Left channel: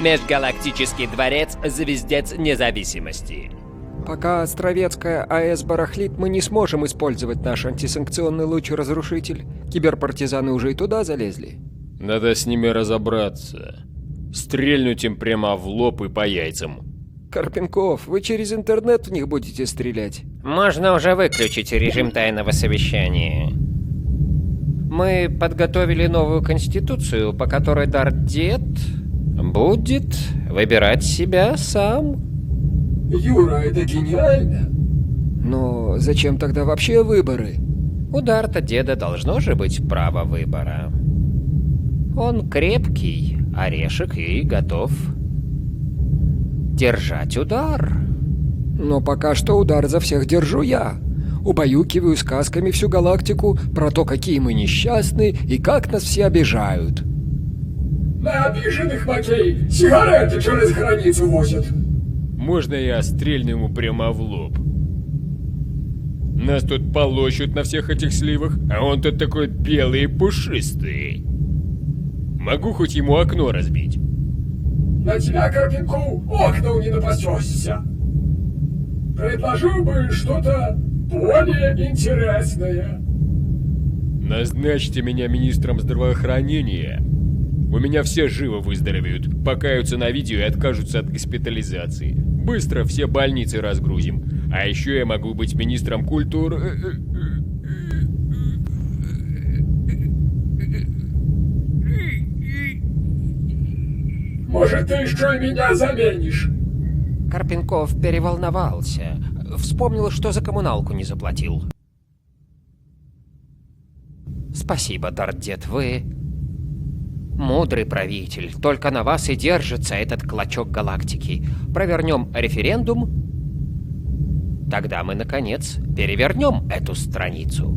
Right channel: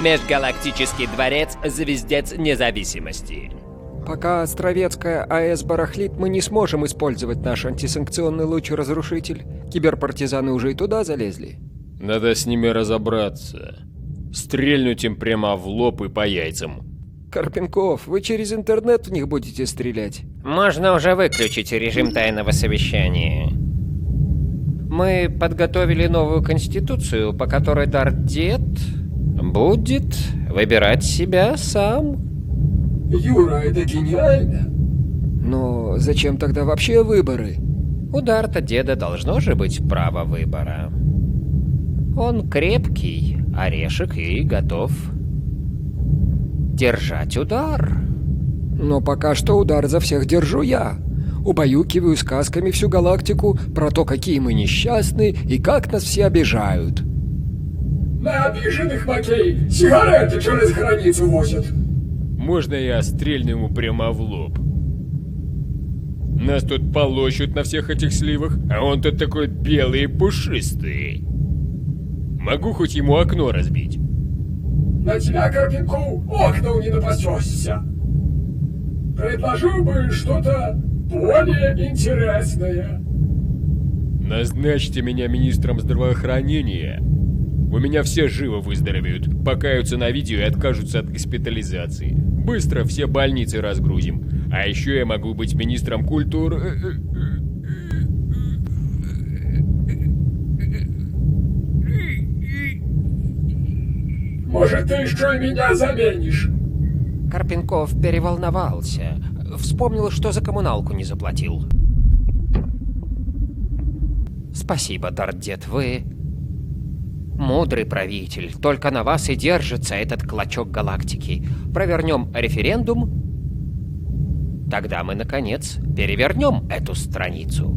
Межгалактический дворец – звездец независимости. Пока Островецкая АЭС барахлит, мы не сможем использовать наш антисанкционный луч-разрушитель. Киберпартизаны уже и туда залезли. Надо с ними разобраться. Стрельнуть им прямо в лоб и по яйцам. Карпенков, вы через интернет в них будете стрелять? Можно уже выключить режим тайного совещания. Мы подготовили новую конституцию, по которой Дардет будет выбирать себя сам. Юра, это гениально. Но зачем тогда вообще выборы? У Дарта деда должно же быть право выбора. Он крепкий орешек и готов держать удар. Но пока что удар за всех держу я. Убаюкиваю сказками всю галактику про то, какие мы несчастны и как нас все обижают. На обиженных, Макей, сигареты через границу возят. Можно я стрельну ему прямо в лоб? Нас тут полощут на всех этих сливах, а он тут такой белый и пушистый. Могу хоть ему окно разбить? На тебя, Карпенков, окна не напасешься. Предложил бы что-то более интересное. Назначьте меня министром здравоохранения. У меня все живо выздоровеют, покаются на видео и откажутся от госпитализации. Быстро все больницы разгрузим. А еще я могу быть министром культуры... Может, ты еще и меня заменишь? Карпенков переволновался. Вспомнил, что за коммуналку не заплатил. Спасибо, Дардет, вы мудрый правитель. Только на вас и держится этот клочок галактики. Провернем референдум, тогда мы, наконец, перевернем эту страницу.